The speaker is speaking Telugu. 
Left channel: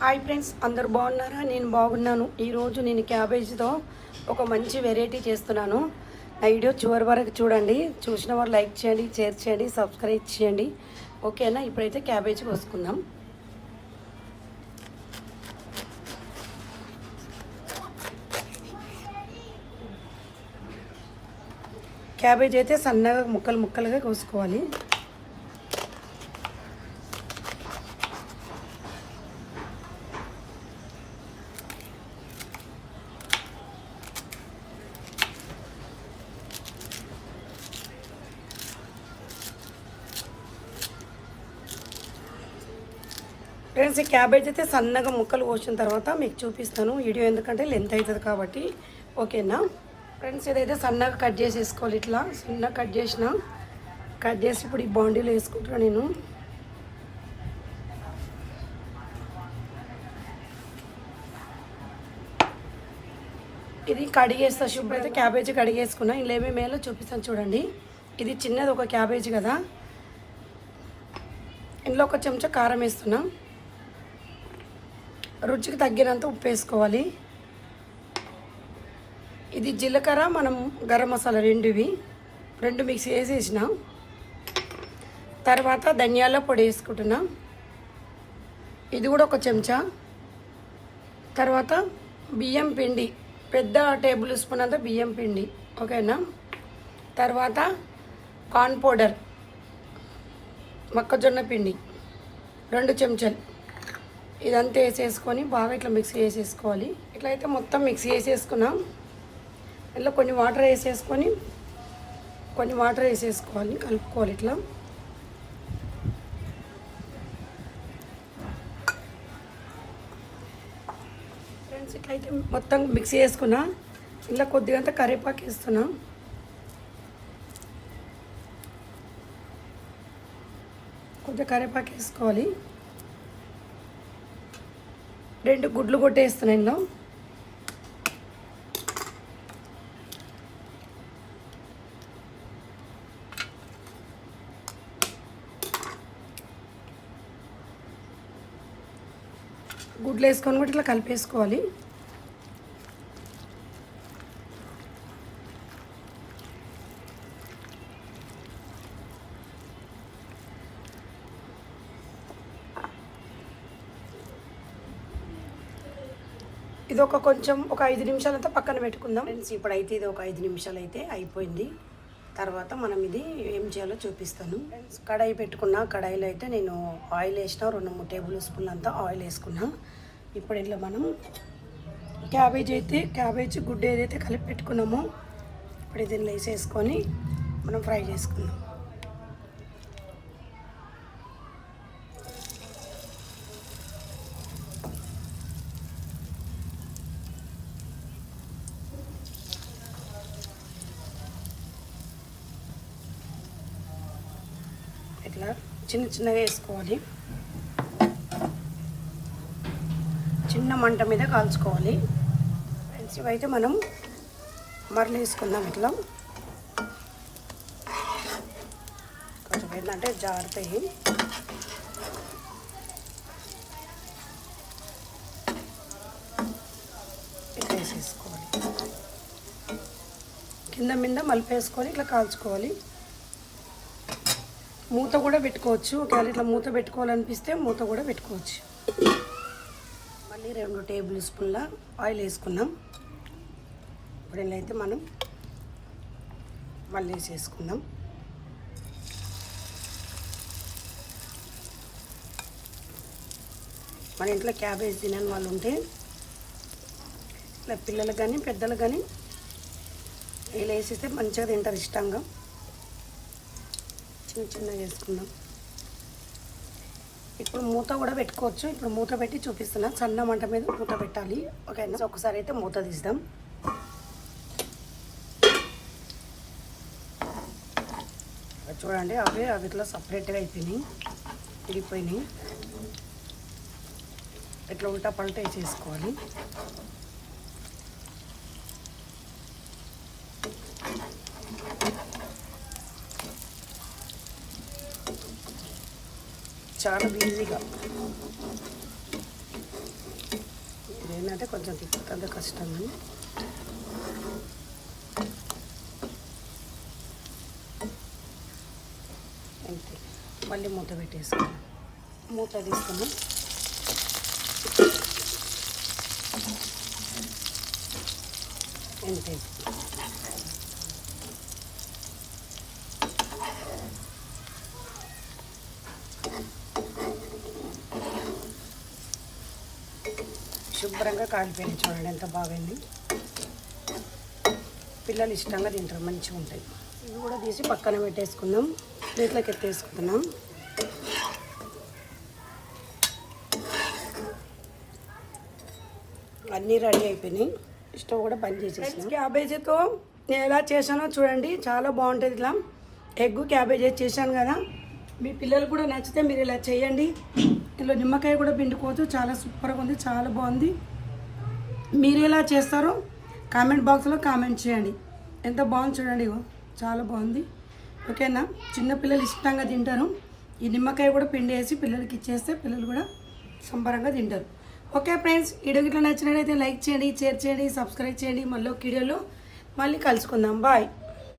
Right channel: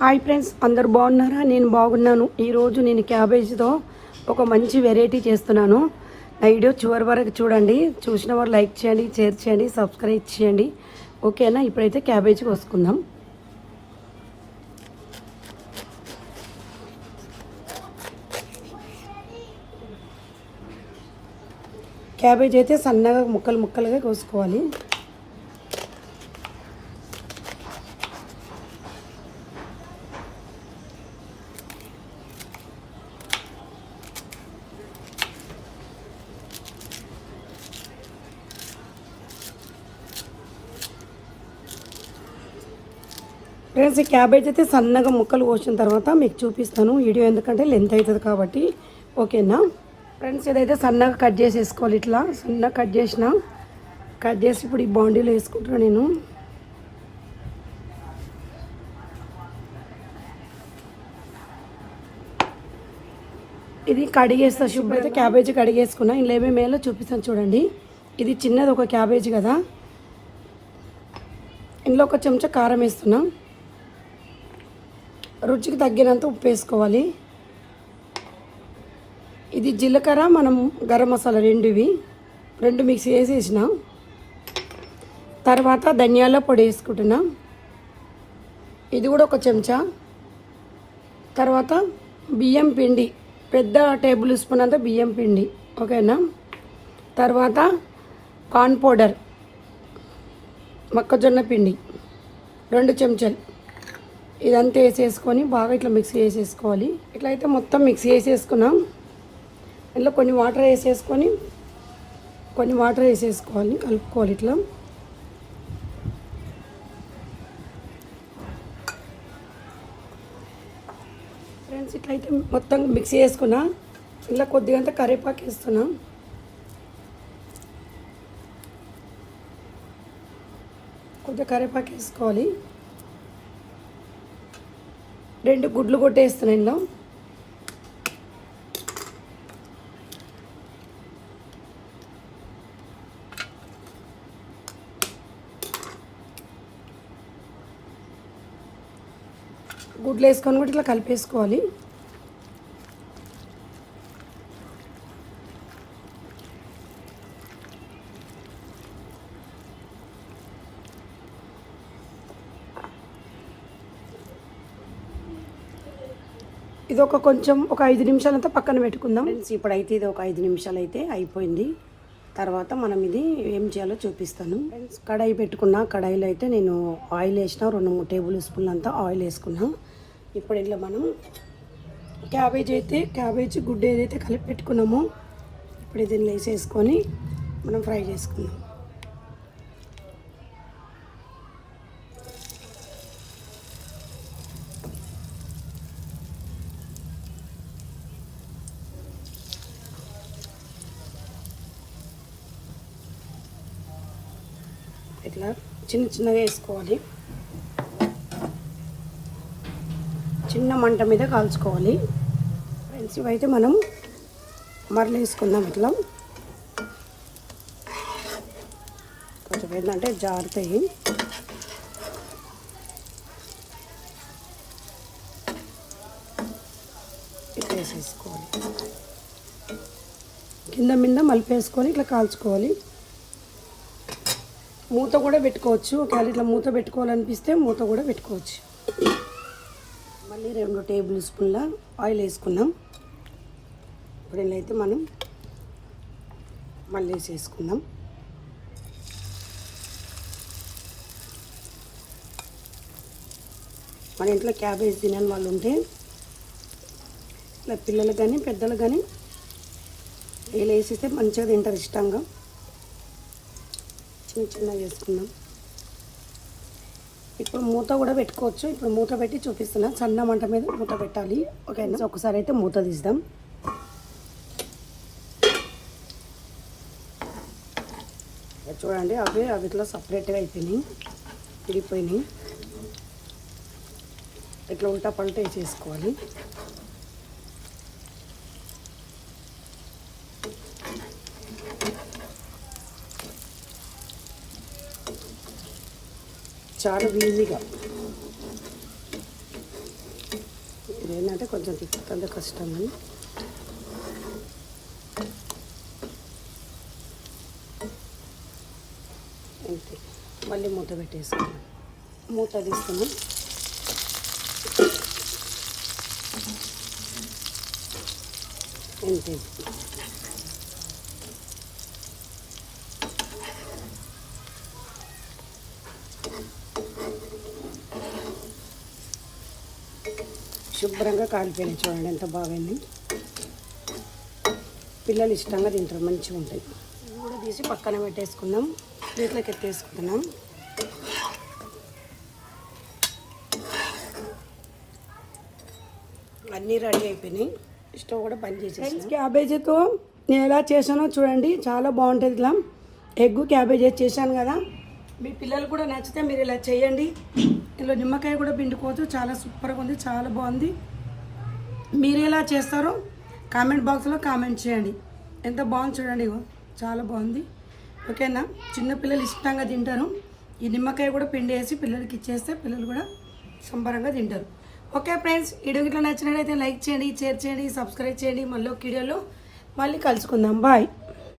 హాయ్ ఫ్రెండ్స్ అందరు బాగున్నారా? నేను బాగున్నాను. ఈరోజు నేను క్యాబేజ్తో ఒక మంచి వెరైటీ చేస్తున్నాను. నా వీడియో చివరి వరకు చూడండి. చూసిన వారు లైక్ చేయండి షేర్ చేయండి సబ్స్క్రైబ్ చేయండి. ఓకేనా ఇప్పుడైతే క్యాబేజ్ కోసుకుందాం. క్యాబేజ్ అయితే సన్నగా ముక్కలు ముక్కలుగా కోసుకోవాలి. ఫ్రెండ్స్ ఈ క్యాబేజ్ అయితే సన్నగా ముక్కలు కోసిన తర్వాత మీకు చూపిస్తాను. వీడియో ఎందుకంటే లెంత్ అవుతుంది కాబట్టి. ఓకేనా ఫ్రెండ్స్ ఇదైతే సన్నగా కట్ చేసేసుకోవాలి ఇట్లా. సన్నగా కట్ చేసిన. కట్ చేసి ఇప్పుడు ఈ బాండీలో వేసుకుంటాను నేను. ఇది కడిగేస్తా. శుభ్ర అయితే క్యాబేజీ కడిగేసుకున్నా. ఇందులో ఏమేమి వేయాలో చూపిస్తాను చూడండి. ఇది చిన్నది ఒక క్యాబేజీ కదా. ఇందులో ఒక చెంచా కారం వేస్తున్నాం. రుచికి తగ్గినంత ఉప్పు వేసుకోవాలి. ఇది జీలకర్ర మనం గరం మసాలా రెండువి. రెండు మిక్స్ వేసేసిన తర్వాత ధనియాల పొడి వేసుకుంటున్నాం. ఇది కూడా ఒక చెంచా. తర్వాత బియ్యం పిండి పెద్ద టేబుల్ స్పూన్ అంతా బియ్యం పిండి ఓకేనా? తర్వాత కార్న్ పౌడర్ మొక్కజొన్న పిండి రెండు చెంచాలు. ఇదంతా వేసేసుకొని బాగా ఇట్లా మిక్స్ చేసేసుకోవాలి. ఇట్లా అయితే మొత్తం మిక్స్ చేసేసుకున్నాం. ఇట్లా కొన్ని వాటర్ వేసేసుకొని కొన్ని వాటర్ వేసేసుకోవాలి కలుపుకోవాలి ఇట్లా. ఫ్రెండ్స్ ఇట్లయితే మొత్తం మిక్స్ చేసుకున్నా. ఇట్లా కొద్దిగంత కరివేపాకు వేస్తున్నా. కొద్దిగా కరివేపాకు వేసుకోవాలి. రెండు గుడ్లు కొట్టేస్తాను ఇందులో. గుడ్లు వేసుకొని కూడా ఇట్లా కలిపేసుకోవాలి. ఇది ఒక కొంచెం ఒక ఐదు నిమిషాలంతా పక్కన పెట్టుకుందాం. ఫ్రెండ్స్ ఇప్పుడైతే ఇది ఒక ఐదు నిమిషాలు అయితే అయిపోయింది. తర్వాత మనం ఇది ఏం చేయాలో చూపిస్తాను. ఫ్రెండ్స్ కడాయి పెట్టుకున్నా కడాయిలో అయితే నేను ఆయిల్ వేసిన రెండు మూడు టేబుల్ స్పూన్లు అంతా ఆయిల్ వేసుకున్నా. ఇప్పుడు ఇట్లా మనం క్యాబేజ్ అయితే క్యాబేజ్ గుడ్డ ఏదైతే కలిపి పెట్టుకున్నామో ఇప్పుడు దీన్ని వేసేసుకొని మనం ఫ్రై చేసుకుందాం. ఇట్లా చిన్న చిన్నగా వేసుకోవాలి. చిన్న మంట మీద కాల్చుకోవాలి. ఫ్రెండ్స్ ఇవైతే మనం మరలు వేసుకుందాం ఇట్లా. కొంచెం ఏంటంటే జారుతాయి. ఇట్లా వేసేసుకోవాలి. కింద మీద మలిపేసుకొని ఇట్లా కాల్చుకోవాలి. మూత కూడా పెట్టుకోవచ్చు. ఒకవేళ ఇట్లా మూత పెట్టుకోవాలనిపిస్తే మూత కూడా పెట్టుకోవచ్చు. మళ్ళీ రెండు టేబుల్ స్పూన్ల ఆయిల్ వేసుకున్నాం. ఇప్పుడు అయితే మనం మళ్ళీ వేసేసుకుందాం. మన ఇంట్లో క్యాబేజ్ తినని వాళ్ళు ఉంటే ఇలా పిల్లలు కానీ పెద్దలు కానీ వీళ్ళు వేసేస్తే మంచిగా తింటారు ఇష్టంగా. చిన్న చిన్నగా చేసుకున్నాం. ఇప్పుడు మూత కూడా పెట్టుకోవచ్చు. ఇప్పుడు మూత పెట్టి చూపిస్తున్నా. సన్న మంట మీద మూత పెట్టాలి. ఓకే ఒకసారి అయితే మూత తీద్దాం. చూడండి అవి అవి ఇట్లా సపరేట్గా అయిపోయినాయి. తిరిగిపోయినాయి ఇట్లా ఉంటా పంట వేసేసుకోవాలి చాలా ఈజీగా ఏంటంటే కొంచెం తిప్పుతుంది కష్టం. అని అంతే. మళ్ళీ మూత పెట్టేసుకున్నాం. మూత తీసుకున్నాం అంతే. శుభ్రంగా కాలిపోయింది చూడండి ఎంత బాగుంది. పిల్లలు ఇష్టంగా తింటారు మంచిగా ఉంటాయి. ఇవి కూడా తీసి పక్కన పెట్టేసుకుందాం. ప్లేట్లోకి ఎత్తేసుకుంటున్నాం. అన్నీ రెడీ అయిపోయినాయి. స్టవ్ కూడా బంద్ చేసేసి క్యాబేజీతో నేను ఎలా చేశానో చూడండి చాలా బాగుంటుంది ఇలా. ఎగ్గు క్యాబేజీ చేశాను కదా. మీ పిల్లలు కూడా నచ్చితే మీరు ఇలా చేయండి. ఇందులో నిమ్మకాయ కూడా పిండుకోవచ్చు. చాలా సూపర్గా ఉంది చాలా బాగుంది. మీరు ఎలా చేస్తారో కామెంట్ బాక్స్లో కామెంట్ చేయండి. ఎంత బాగుంది చూడండి ఇగో చాలా బాగుంది. ఓకేనా? చిన్న పిల్లలు ఇష్టంగా తింటారు. ఈ నిమ్మకాయ కూడా పిండి వేసి పిల్లలకి ఇచ్చేస్తే పిల్లలు కూడా సంబరంగా తింటారు. ఓకే ఫ్రెండ్స్ వీడియో గిట్లా నచ్చినట్లయితే లైక్ చేయండి షేర్ చేయండి సబ్స్క్రైబ్ చేయండి. మళ్ళీ ఒక వీడియోలో మళ్ళీ కలుసుకుందాం. బాయ్.